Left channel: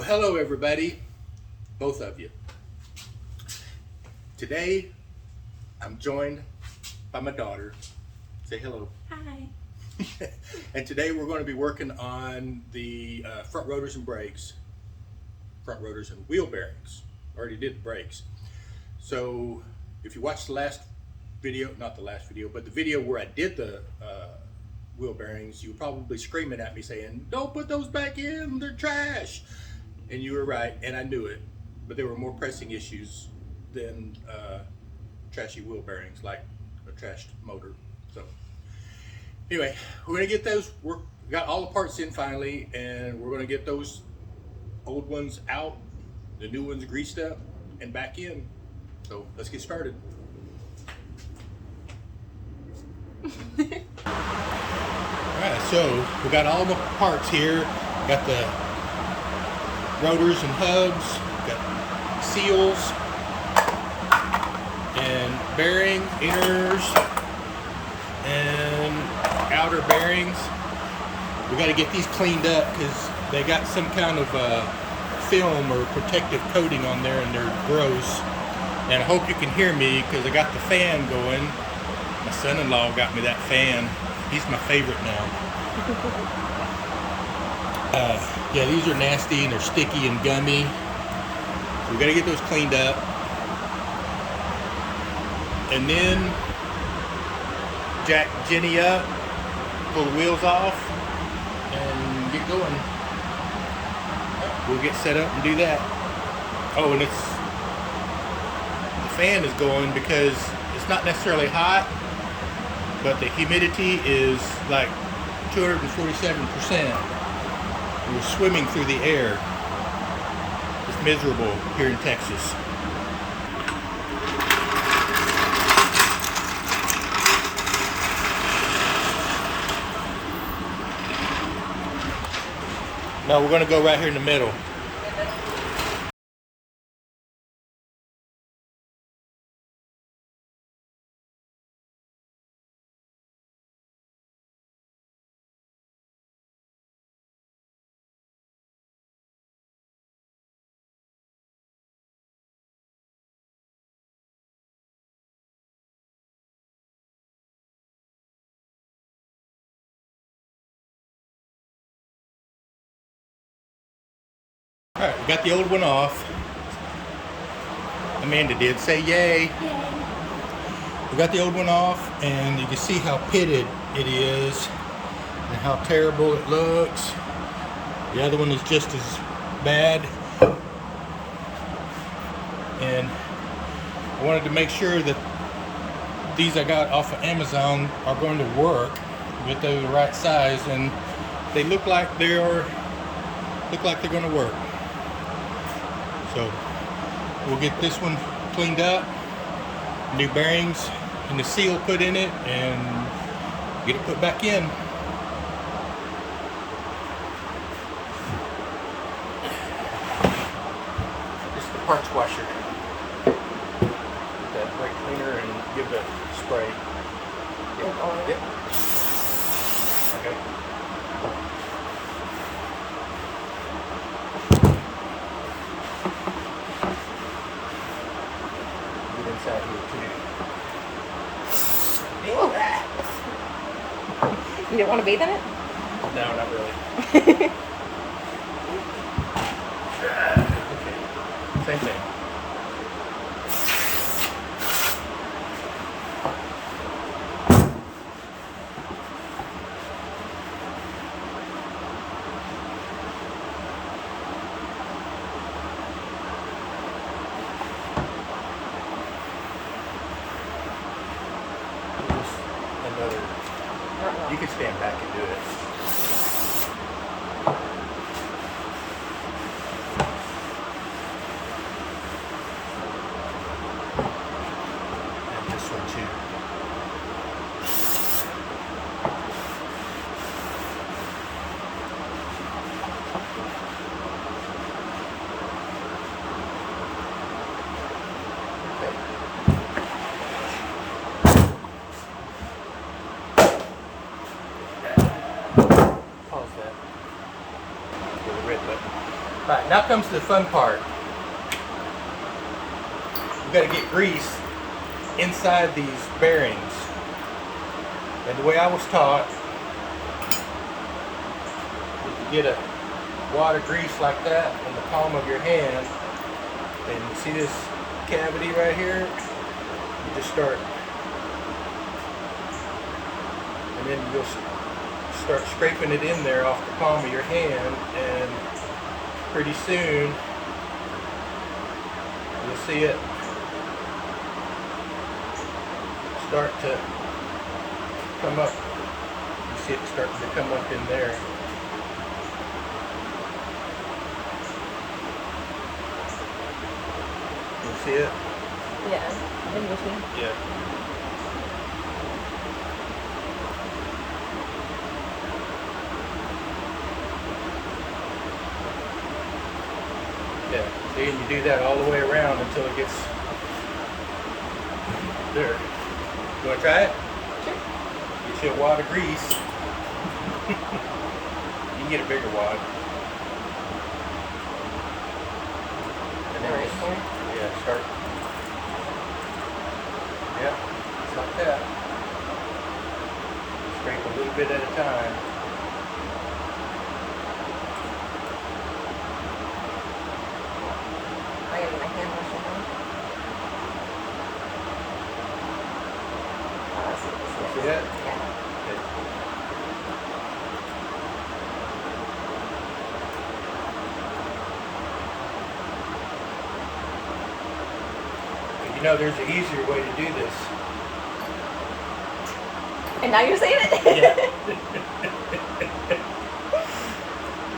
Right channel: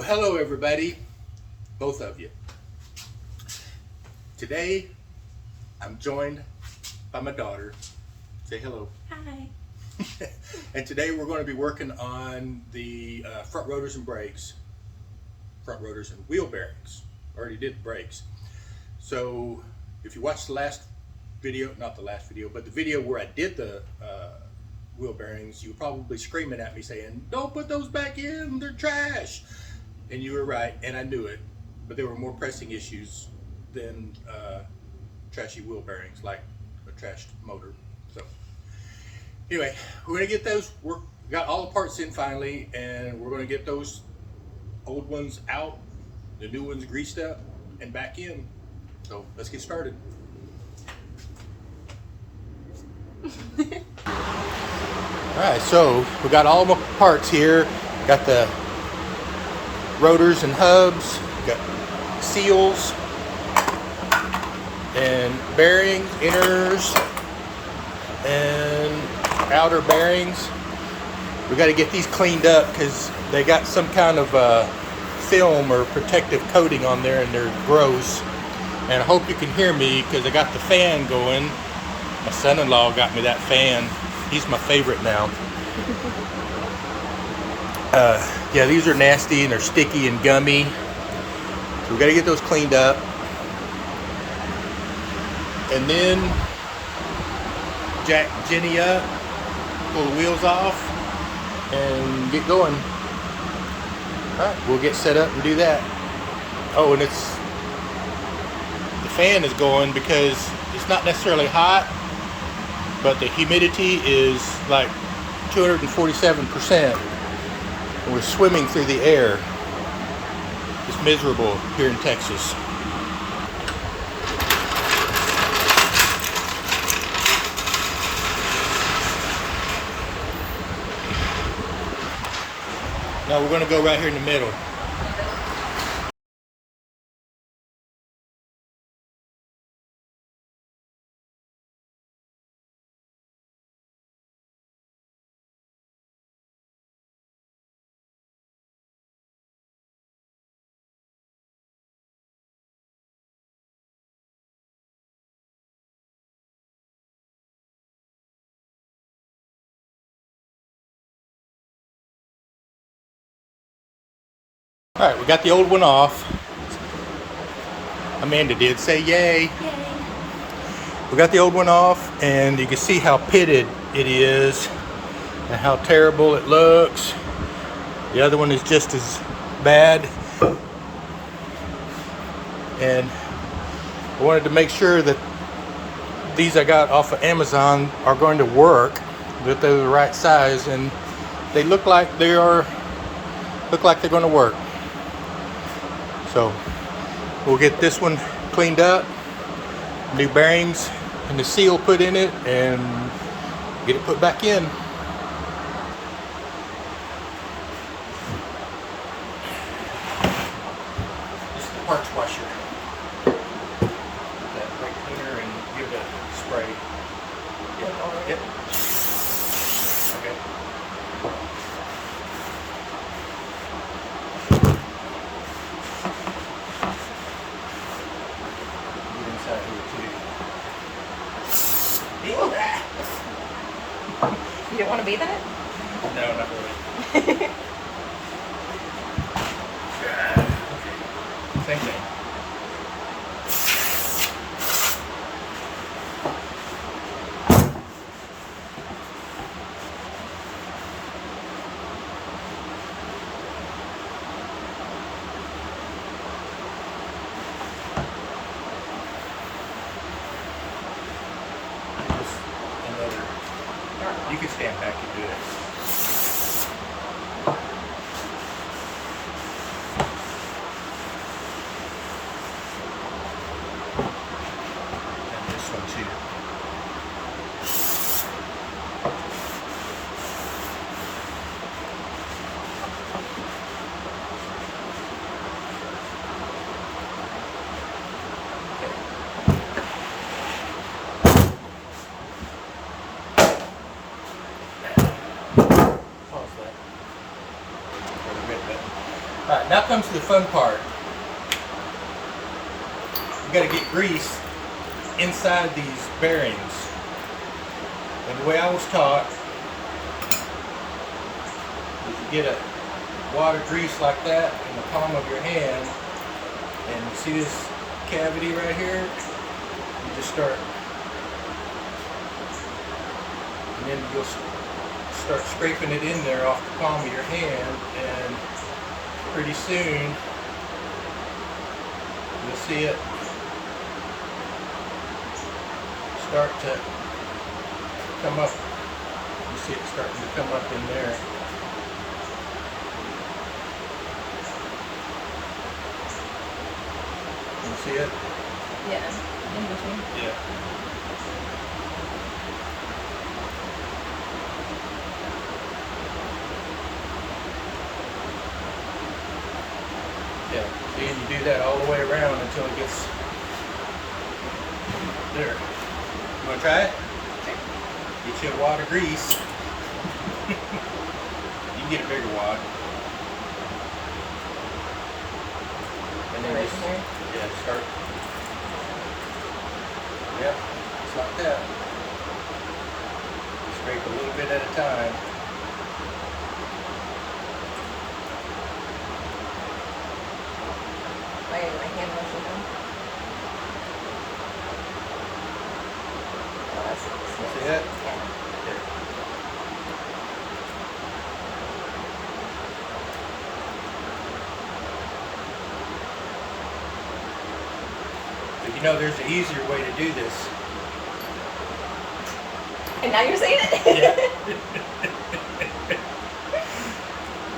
Well, hello everybody, both of you. Today, I'm joined by my daughter. Say hello. Hi. And today we're going to be working on the front rotors and brakes, front rotors and wheel bearings. Already did the brakes. So if you watched the last video, not the last video, but the video where I did the wheel bearings, you were probably screaming at me saying, "Don't put those back in, they're trash." And you were right, and I knew it, but there were more pressing issues than trashy wheel bearings, like a trashed motor. So anyway, we're gonna get those. We got all the parts in finally, and we're gonna get those old ones out, the new ones greased up, and back in. So let's get started. All right, so we got all the parts here. Got the rotors and hubs, got seals and bearing inners and outer bearings. We got to get these cleaned up because they got some kind of film or protective coating on there and they're gross. And I hope you can hear me because I got the fan going. My son-in-law got me that fan. He's my favorite now. Yeah, these are nasty and they're sticky and gummy. So we got to get those cleaned up. And then jack Jenny up, pull the wheels off, and get going. All right, we'll get set up and do that. Oh, and the fan is going because it's not necessarily hot, but the humidity is like 247%. We're swimming through the air. It's miserable here in Texas. Now we're going to go right here in the middle. All right, we got the old one off. Amanda did say yay. Yay. We got the old one off and you can see how pitted it is and how terrible it looks. The other one is just as bad. And I wanted to make sure that these I got off of Amazon are going to work, that they're the right size, and they look like they're going to work. So we'll get this one cleaned up, new bearings and the seal put in it, and get it put back in. This is the parts washer. Get that brake cleaner and give it a spray. Yep. Okay. Inside here too. You don't want to bathe in it? No, not really. Same thing. You can stand back and do it. Alright, now comes the fun part. You got to get grease inside these bearings. And the way I was taught is you get a wad of grease like that in the palm of your hand, and you see this cavity right here? You just start, and then you'll start scraping it in there off the palm of your hand, and pretty soon you'll see it start to come up. You see it starting to come up in there. You see it? Yeah. Interesting. Yeah. Yeah. See, and you do that all the way around until it gets there. You want to try it? Sure. Get you a wad of grease. You can get a bigger wad. And then Right just, here. yeah, start. Yep, just like that. Scrape a little bit at a time. I got my hand motion on. Oh, I see this. See it? Yeah. Okay. But you know, there's an easier way to do this. And now you're saying it? Yeah.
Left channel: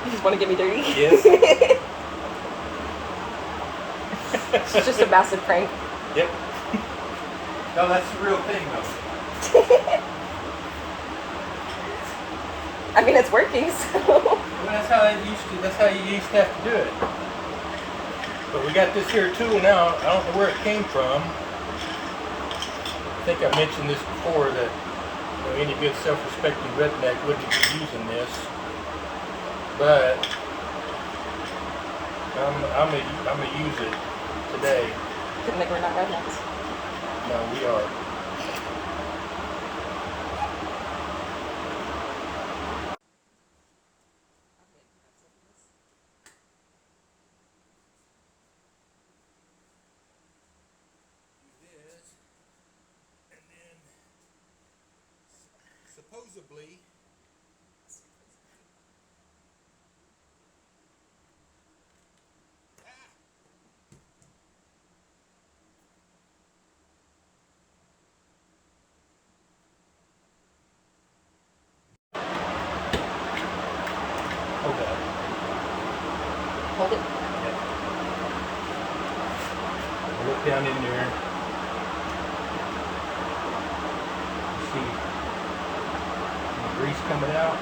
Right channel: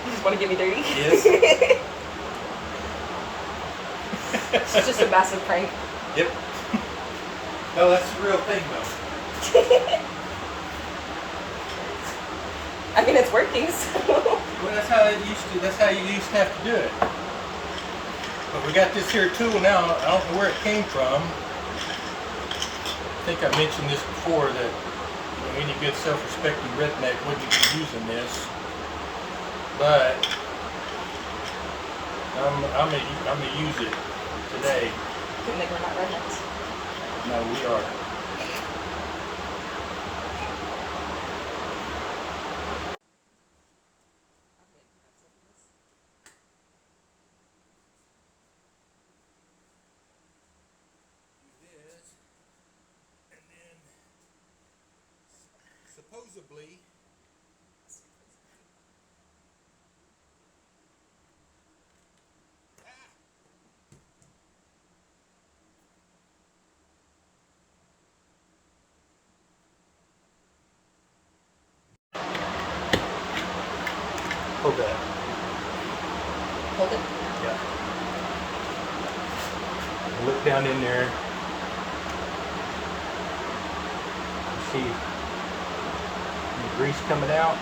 You just want to get me dirty? Yes. It's just a massive prank. Yep. No, that's the real thing, though. I mean, it's working, so. Well, that's how it used to. That's how you used to have to do it. But we got this here tool now. I don't know where it came from. I think I mentioned this before that any good self-respecting redneck wouldn't be using this. But I'm gonna use it today. Couldn't make her not rednecks. No, we are. And then supposedly hold that. Hold it. Yeah. Look down in there. See the grease coming out.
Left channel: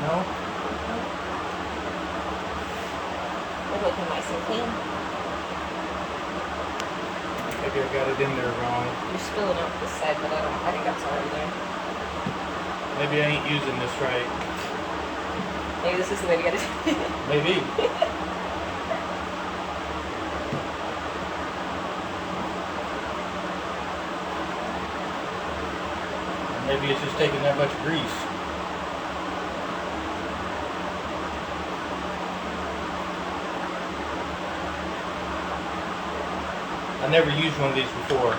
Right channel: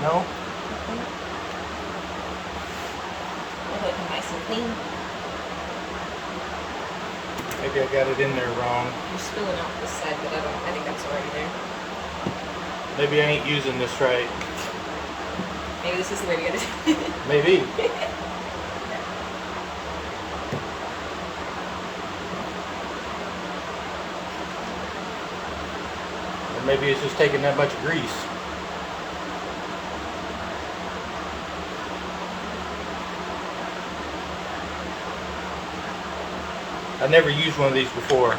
No? They're looking nice and clean. Maybe I got it in there wrong. You're spilling off this side, but I think that's already there. Maybe I ain't using this right. Maybe this is the way to get it. Maybe. Or maybe it's just taking that much grease. I've never used one of these before.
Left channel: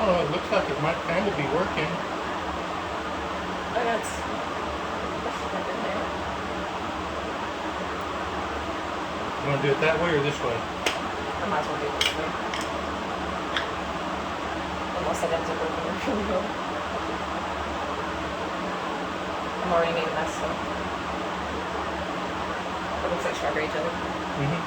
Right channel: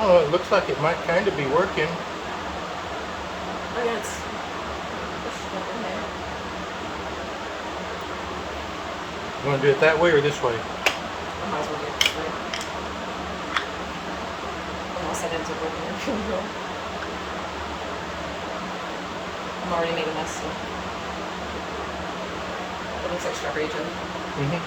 Oh, it looks like it might kind of be working. Oh, yeah, it's nothing there. You want to do it that way or this way? I might as well do it this way. Unless that ends up working out really well. I'm already made a mess, so. It looks like strawberry jelly. Mm-hmm.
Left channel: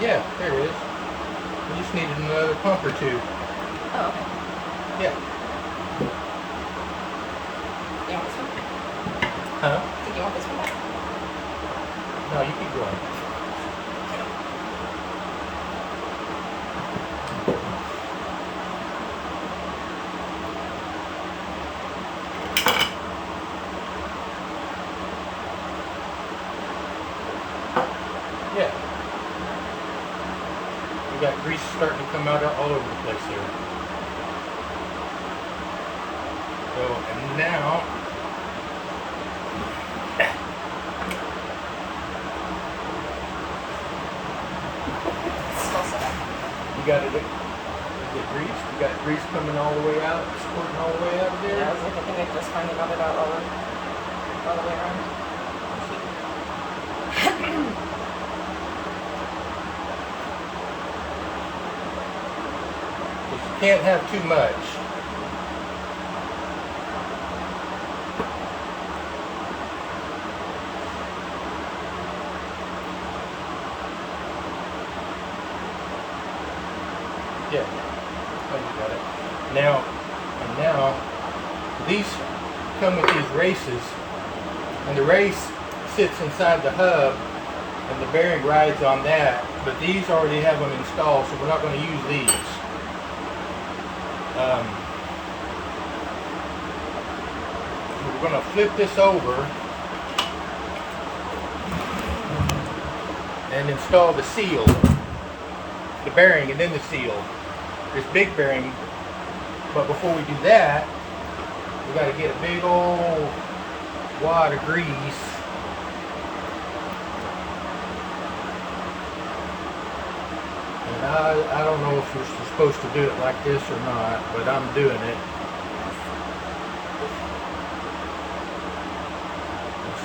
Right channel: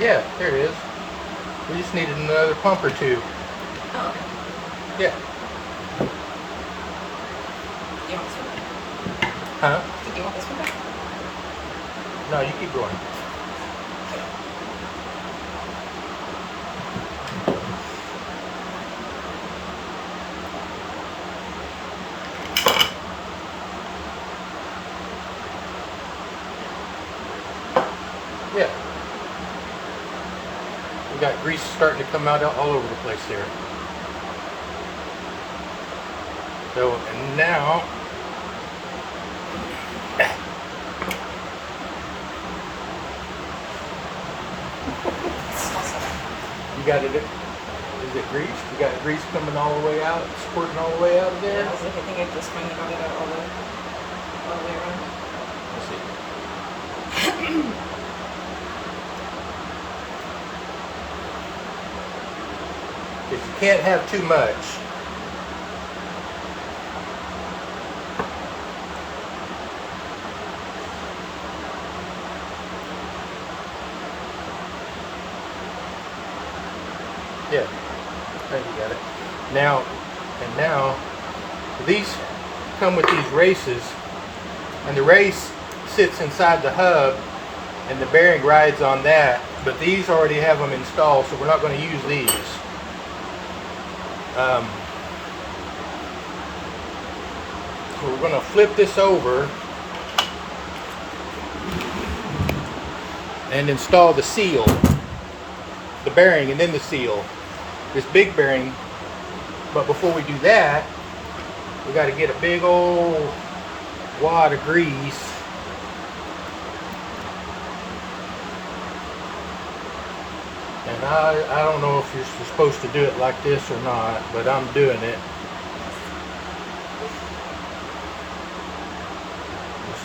Yeah, there it is. We just needed another pump or two. Oh, okay. Yeah. You want this one? Huh? Did you want this one back? No, you keep going. Yeah. We got grease starting to come out all over the place there. So, and now, It's all set up. you got it, is it greased? You got grease coming all the way out, squirting all the way out of there? Yeah, I was like, I think I just finally got it out all the way around. Let's see. Because you can't have too much. Yeah, I think you got it. Now, these come with these races, and the race sits inside the hub, and the bearing rides on that. But these already have them installed, so we're not going to use these. So we're going to flip this over and install the seal, the bearing, and then the seal. This big bearing. But before we do that, we got to get a big old wad of grease. And I don't know if you're supposed to do it like this or not, but I'm doing it. Just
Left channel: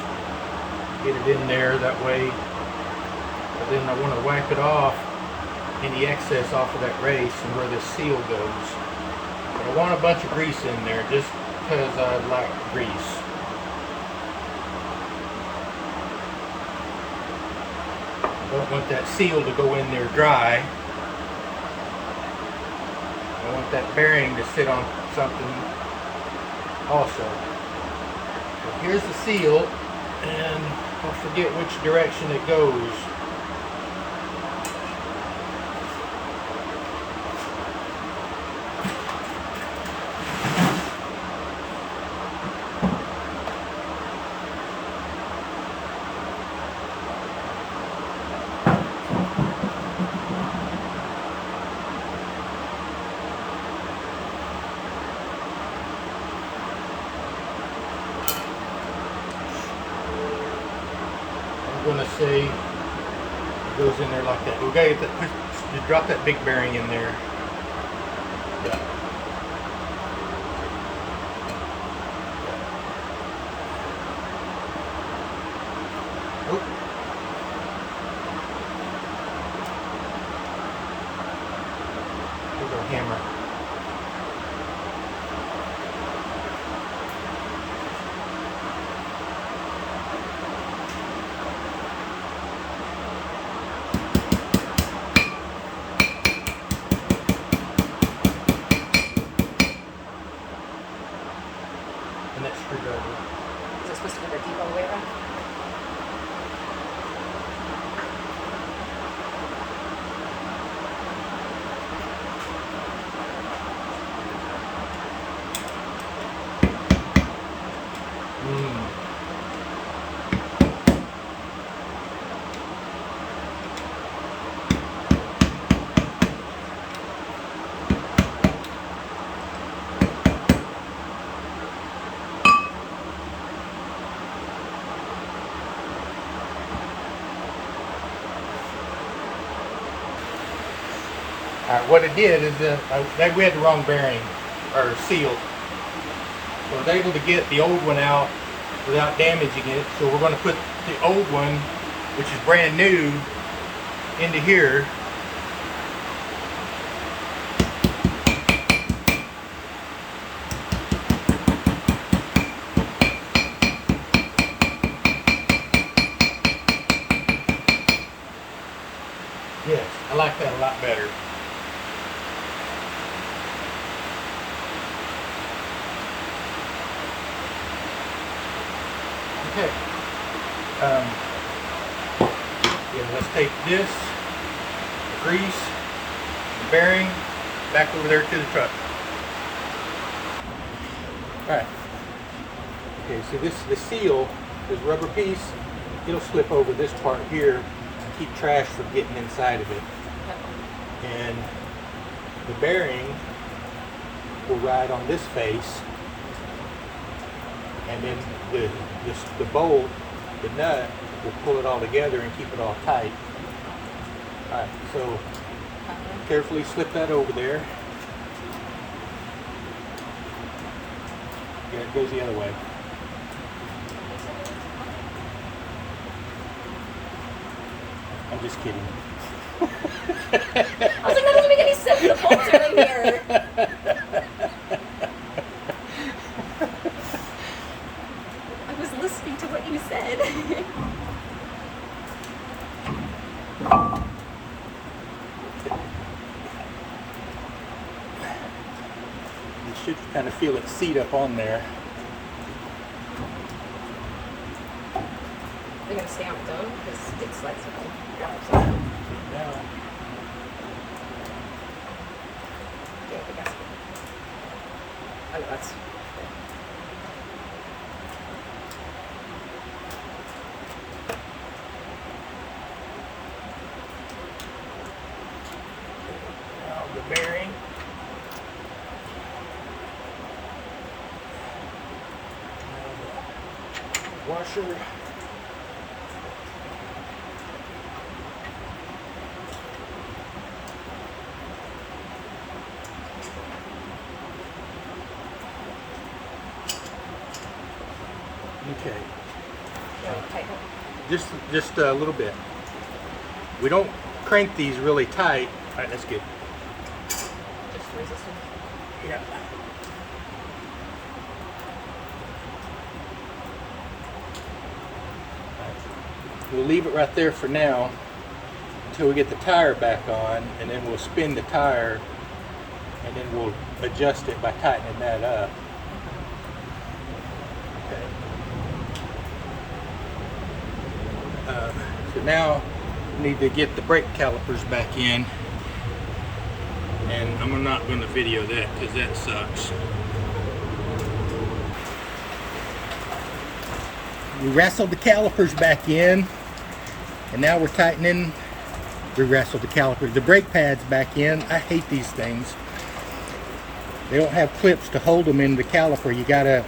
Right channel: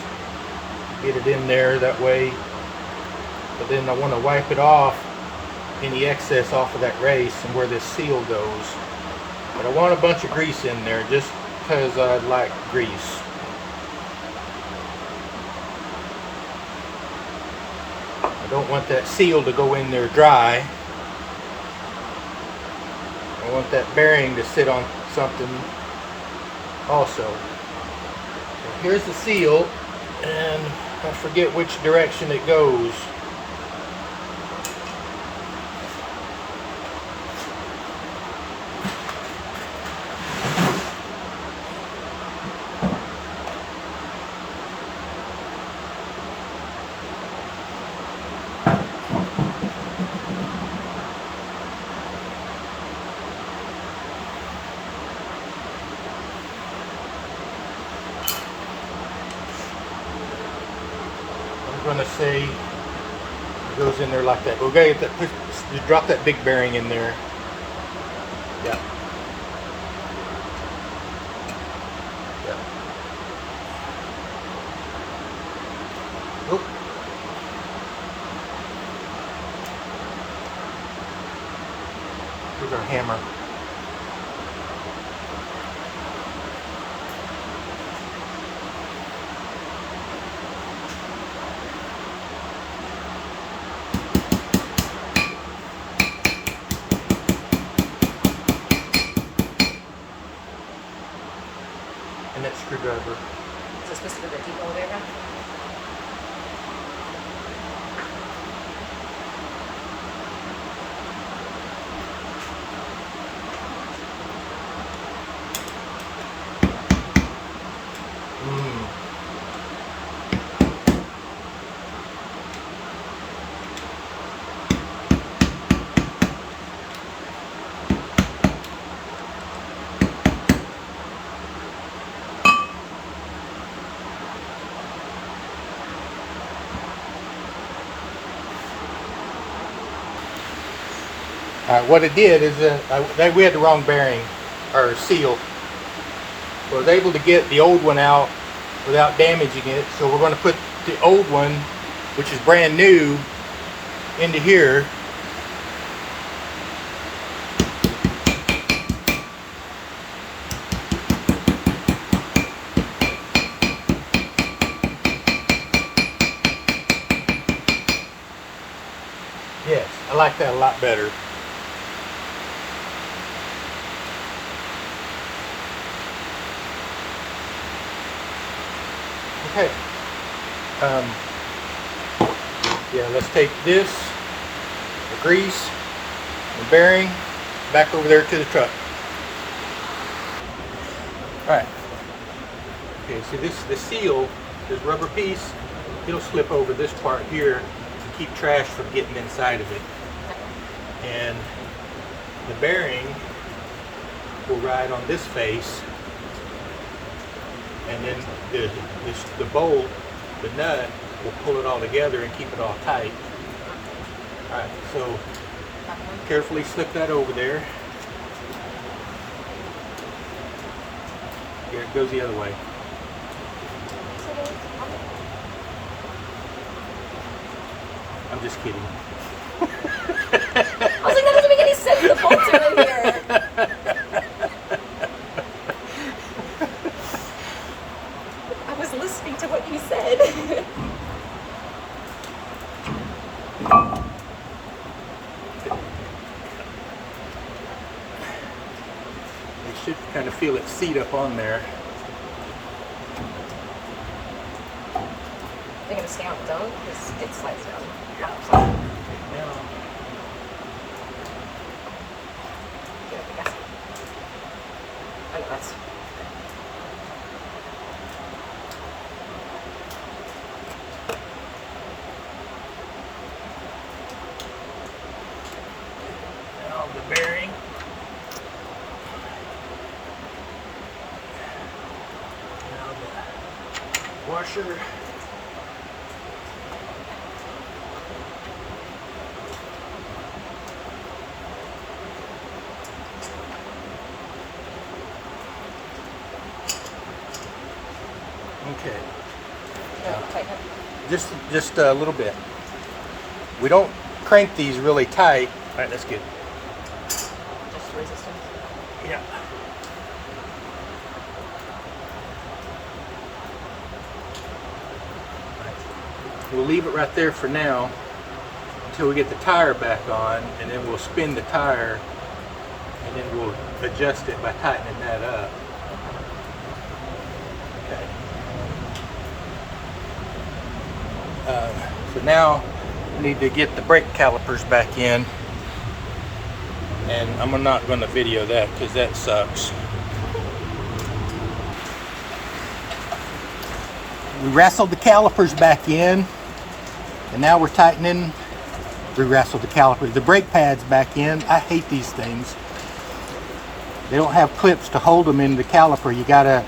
get it in there that way. But then I want to wipe it off, any excess off of that race and where this seal goes. But I want a bunch of grease in there just because I like grease. I don't want that seal to go in there dry. I want that bearing to sit on something also. So here's the seal, and I forget which direction it goes. I'm going to say it goes in there like that. We're going to you drop that big bearing in there. Yeah. Yeah. Nope. Here's our hammer. And that screwdriver. Is it supposed to rotate all the way around? What it did is we had the wrong bearing or seal. So I was able to get the old one out without damaging it. So we're going to put the old one, which is brand new, into here. like that a lot better. Okay. Yeah, let's take this, the grease, the bearing, back over there to the truck. Alright. Okay, so this is the seal, this rubber piece. It'll slip over this part here to keep trash from getting inside of it. And the bearing will ride on this face. And then the bolt, the nut, will pull it all together and keep it all tight. Alright, so carefully slip that over there. Yeah, it goes the other way. I'm just kidding. I was like, that doesn't make any sense. The bolts are right here. I was listening to what you said. You should kind of feel it seat up on there. They're going to stay on its own because it slides down. Now, Yeah, the gasket. Oh, no, that's... now the bearing. Now the washer. Okay, just a little bit. We don't crank these really tight. All right, that's good. Just resistance. Yeah. We'll leave it right there for now until we get the tire back on, and then we'll spin the tire, and then we'll adjust it by tightening that up. So now we need to get the brake calipers back in, and I'm not going to video that because that sucks. We wrestled the calipers back in, and now we're tightening. We wrestled the calipers, the brake pads back in. I hate these things. They don't have clips to hold them in the caliper. You gotta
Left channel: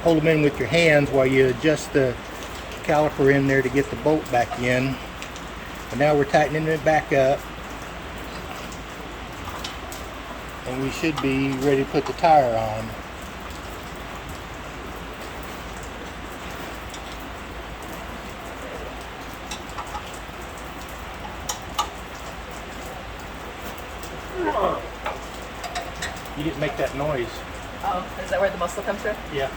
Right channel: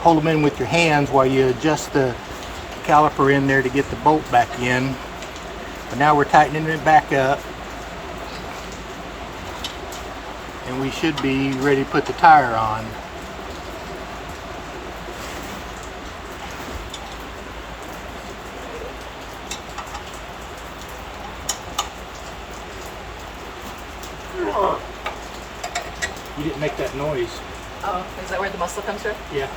hold them in with your hands while you adjust the caliper in there to get the bolt back in. But now we're tightening it back up, and we should be ready to put the tire on. You didn't make that noise. Oh, is that where the muscle comes from? Yeah.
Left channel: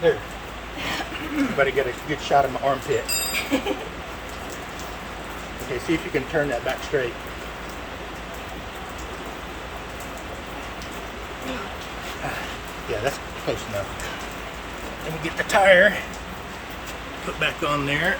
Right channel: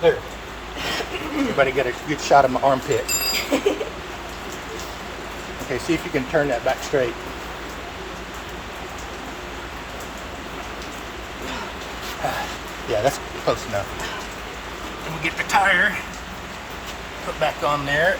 There. Everybody get a good shot of my armpit. Okay, see if you can turn that back straight. Yeah, that's close enough. And we get the tire put back on there.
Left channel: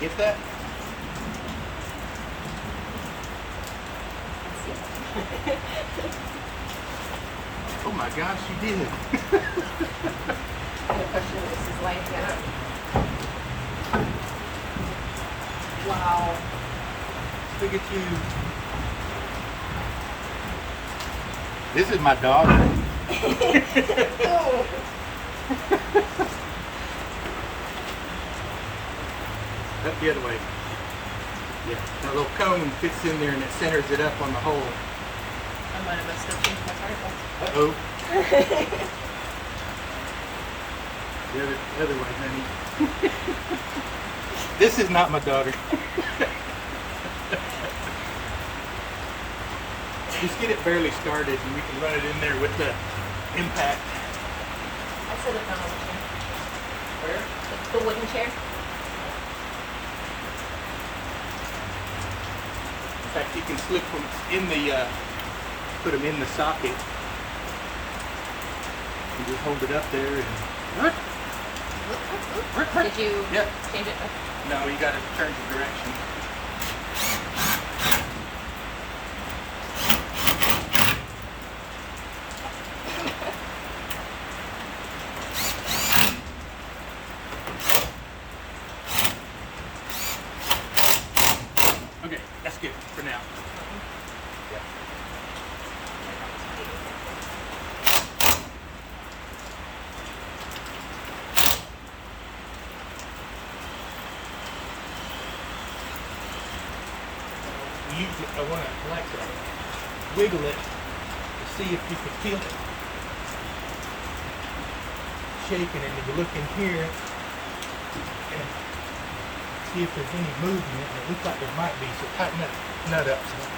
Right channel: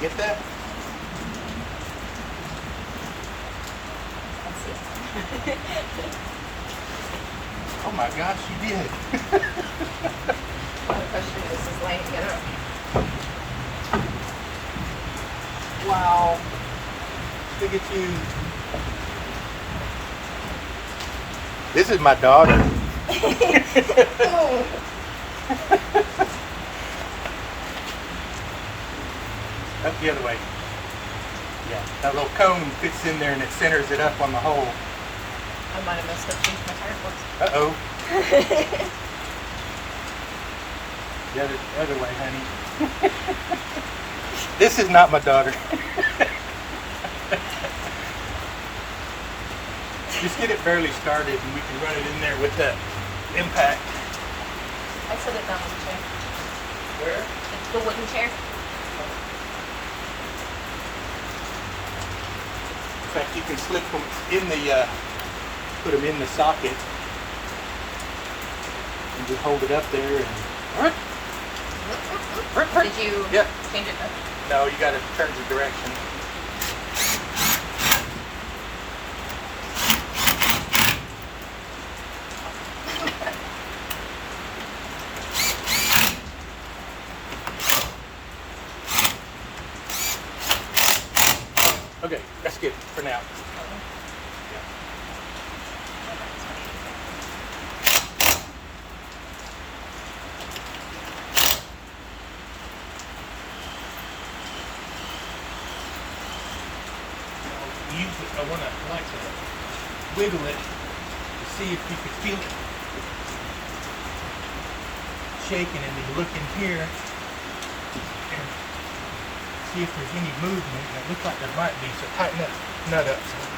Get that? Oh my gosh, you did. The question is, this is laying it up. Wow. Look at you. This is my daughter. That's the other way. Yeah, that little cone fits in there and it centers it up on the hole. My mother must have changed my tire forks. Uh-oh. The other way, honey. This is not my daughter. Just get it barely started and we can run it in there with that impact. I set it down on the chair. Where? The wooden chair. In fact, you can slip them in the, put them in the socket and just hold it up there and... Did you Yep. change it? No, you gotta turn the direction. Okay, that's good for now. Yeah. I want to like to wiggle it to see if you can feel it shaking, and you look in here and see if there's any movement. It looks like there might be, so tighten that nut up some.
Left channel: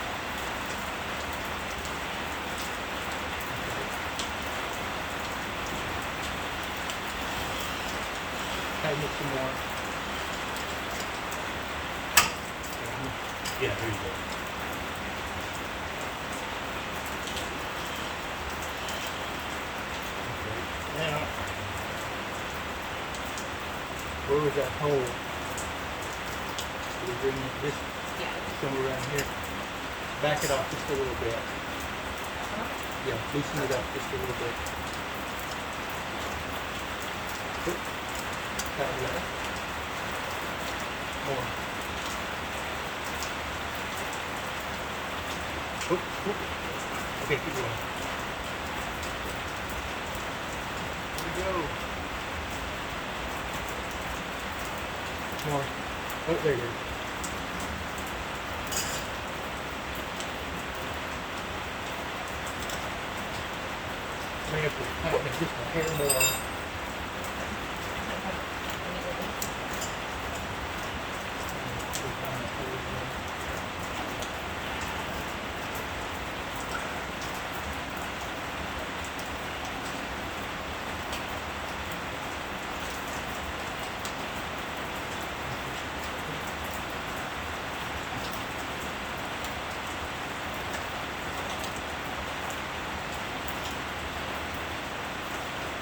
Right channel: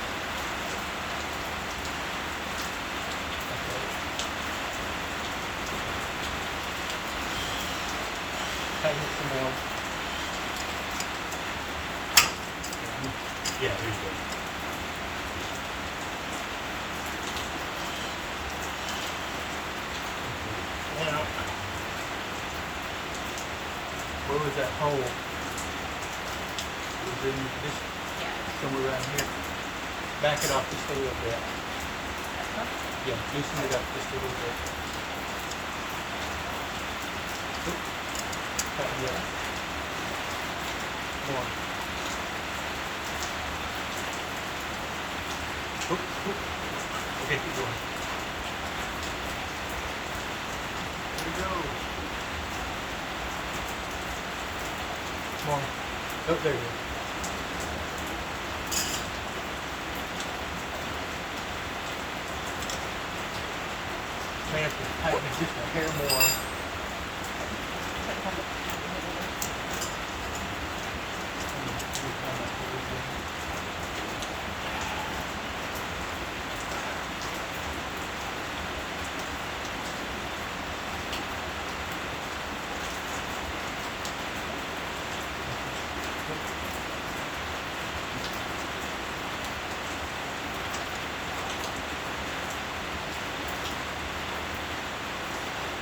Tighten it some more. Yeah, there you go. Okay. Now, where was that hole? It was in this, somewhere around here. Back it off just a little bit. Yeah, loosen it up just a little bit. Oop. Tighten it up. More. Oop, oop. Okay, keep going. There we go. More. Oh, there it is. May have to tighten it just a hair more.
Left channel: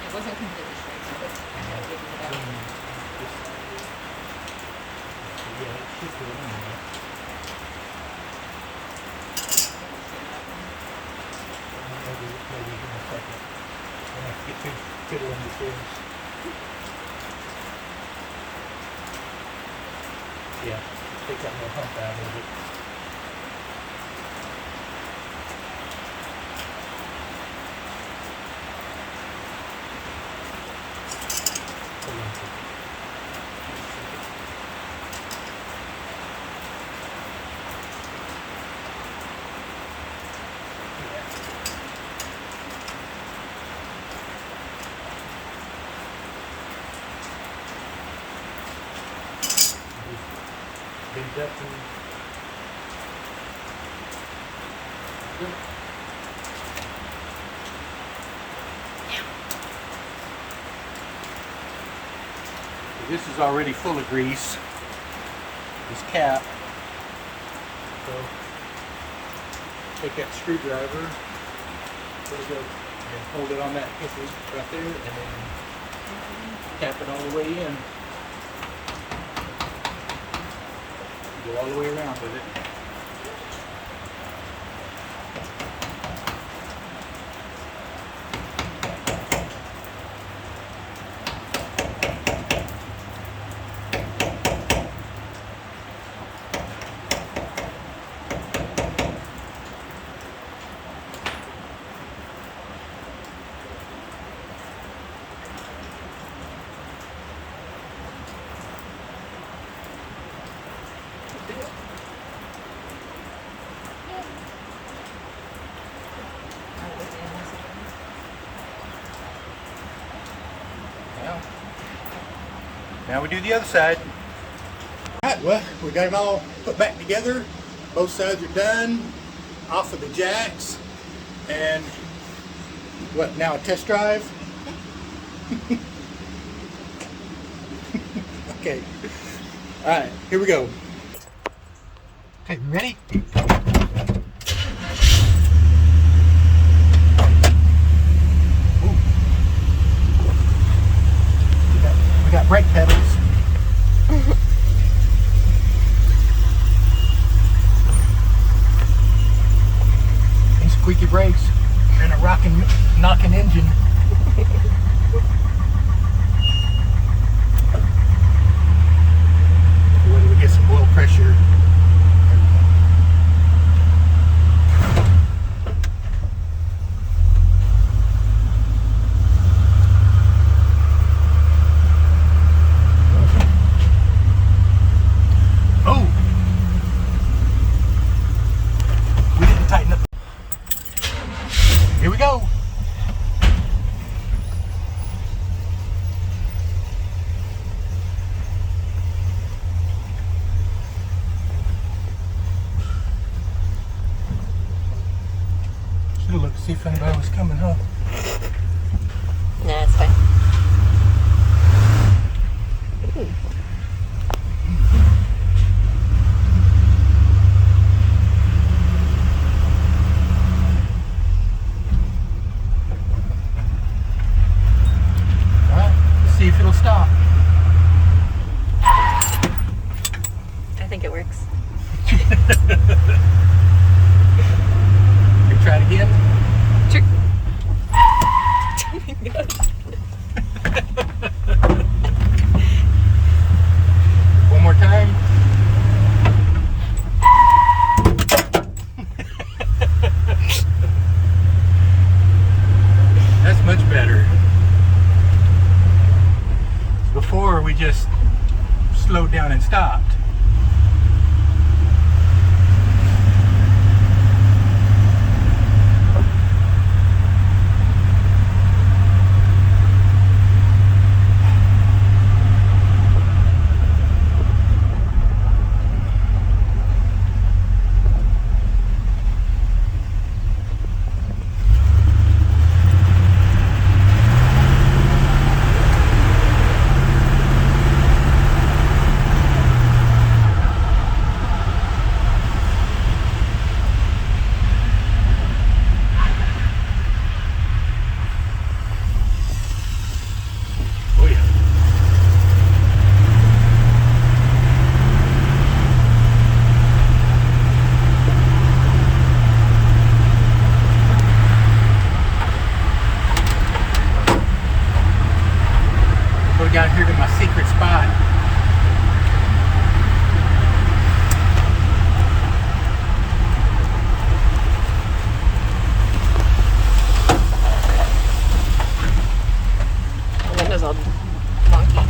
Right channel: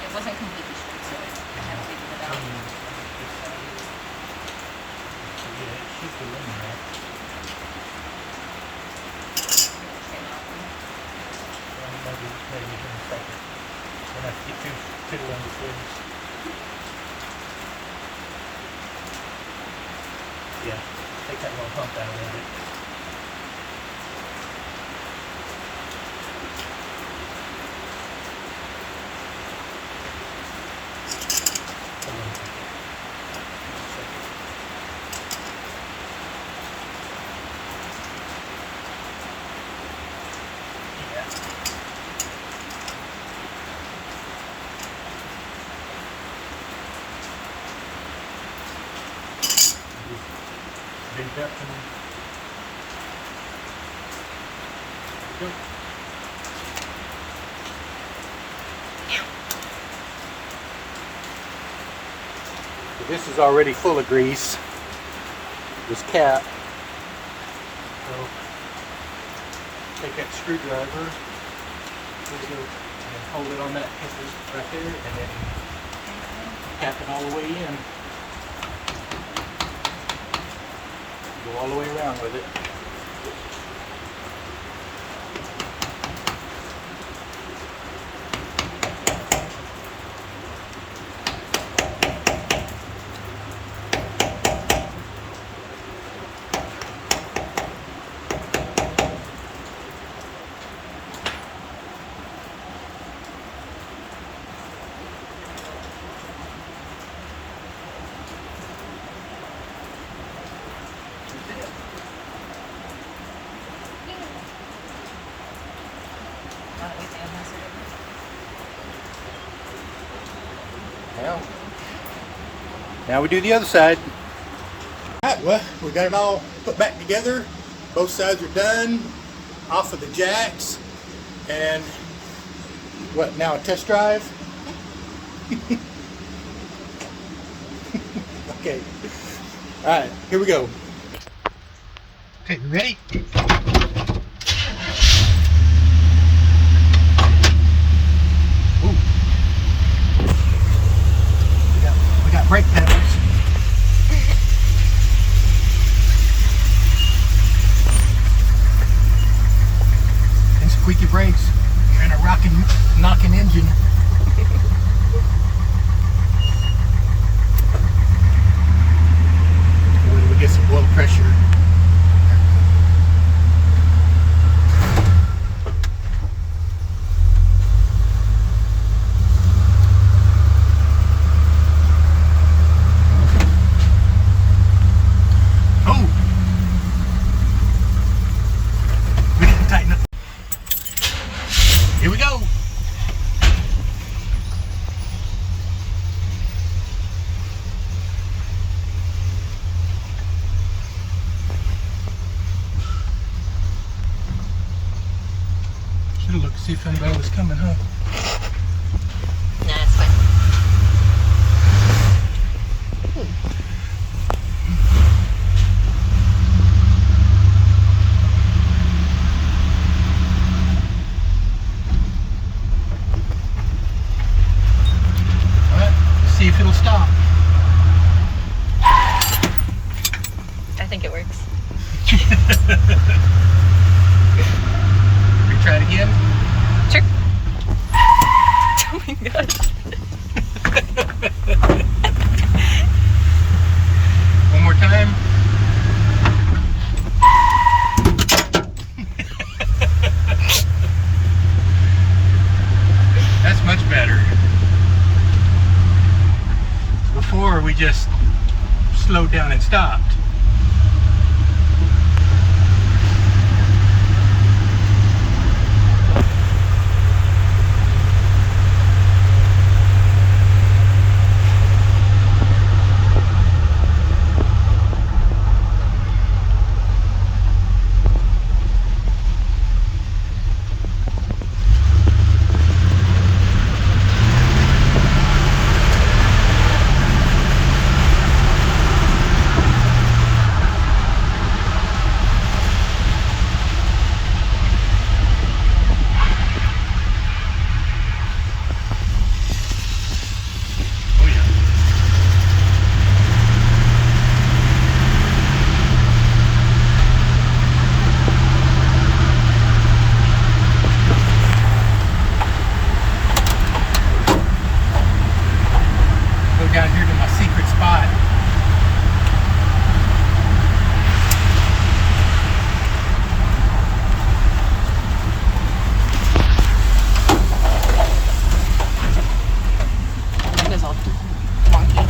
It wasn't completely straight, so I had to wiggle it out. Yeah, shoot it in there. Maybe in a second. I'm gonna have to get too fiddling with things. Yeah, take that little hump out of it. Hold on. Yeah. Big up and go. This is already full of grease, this cap. So take that screwdriver, put it over, and hold it on that piece right there, and then tap it all the way in. Go all the way around with it. Now we do the other side. Alright, well, we got it all put back together. Both sides are done, off of the jacks. And what, now a test drive? Okay. Alright, here we go. Okay, you ready? Ooh. We got brake pedals. And squeaky brakes. And a rockin', knocking engine. When we get some oil pressure. Oh! We didn't tighten up. Here we go. Should have looked to see if anybody was coming, huh? Nah, it's fine. Ooh. All right, let's see if it'll stop. I think it works. Retry it again. Sure. Oh my gosh. One more time. That's much better. Before we just slowed down and stopped. Oh yeah. Go down here to my secret spot. The window's all wonky.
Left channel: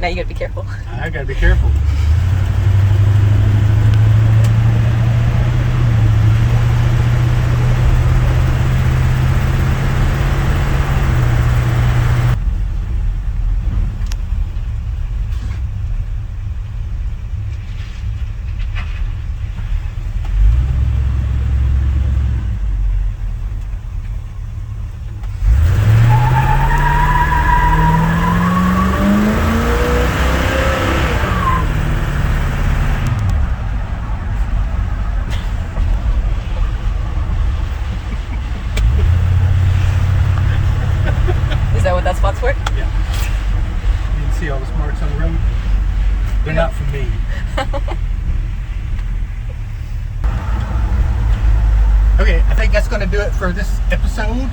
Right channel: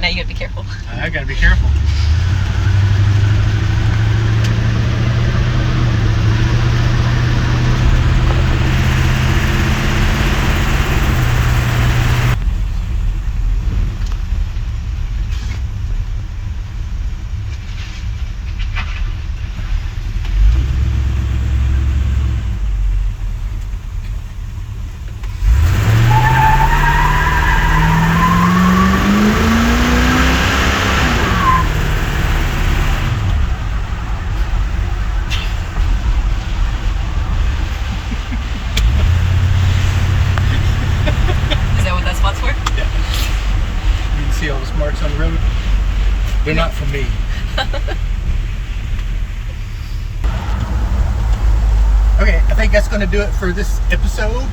Now you gotta be careful. I gotta be careful. Is that what that spot's for? Yeah. You can see all the marks on the road. They're not for me. Okay, I think that's going to do it for this episode.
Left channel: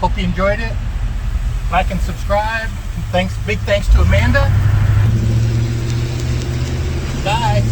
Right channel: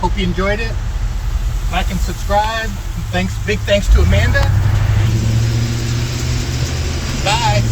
Hope you enjoyed it. Like and subscribe. Big thanks to Amanda. Bye.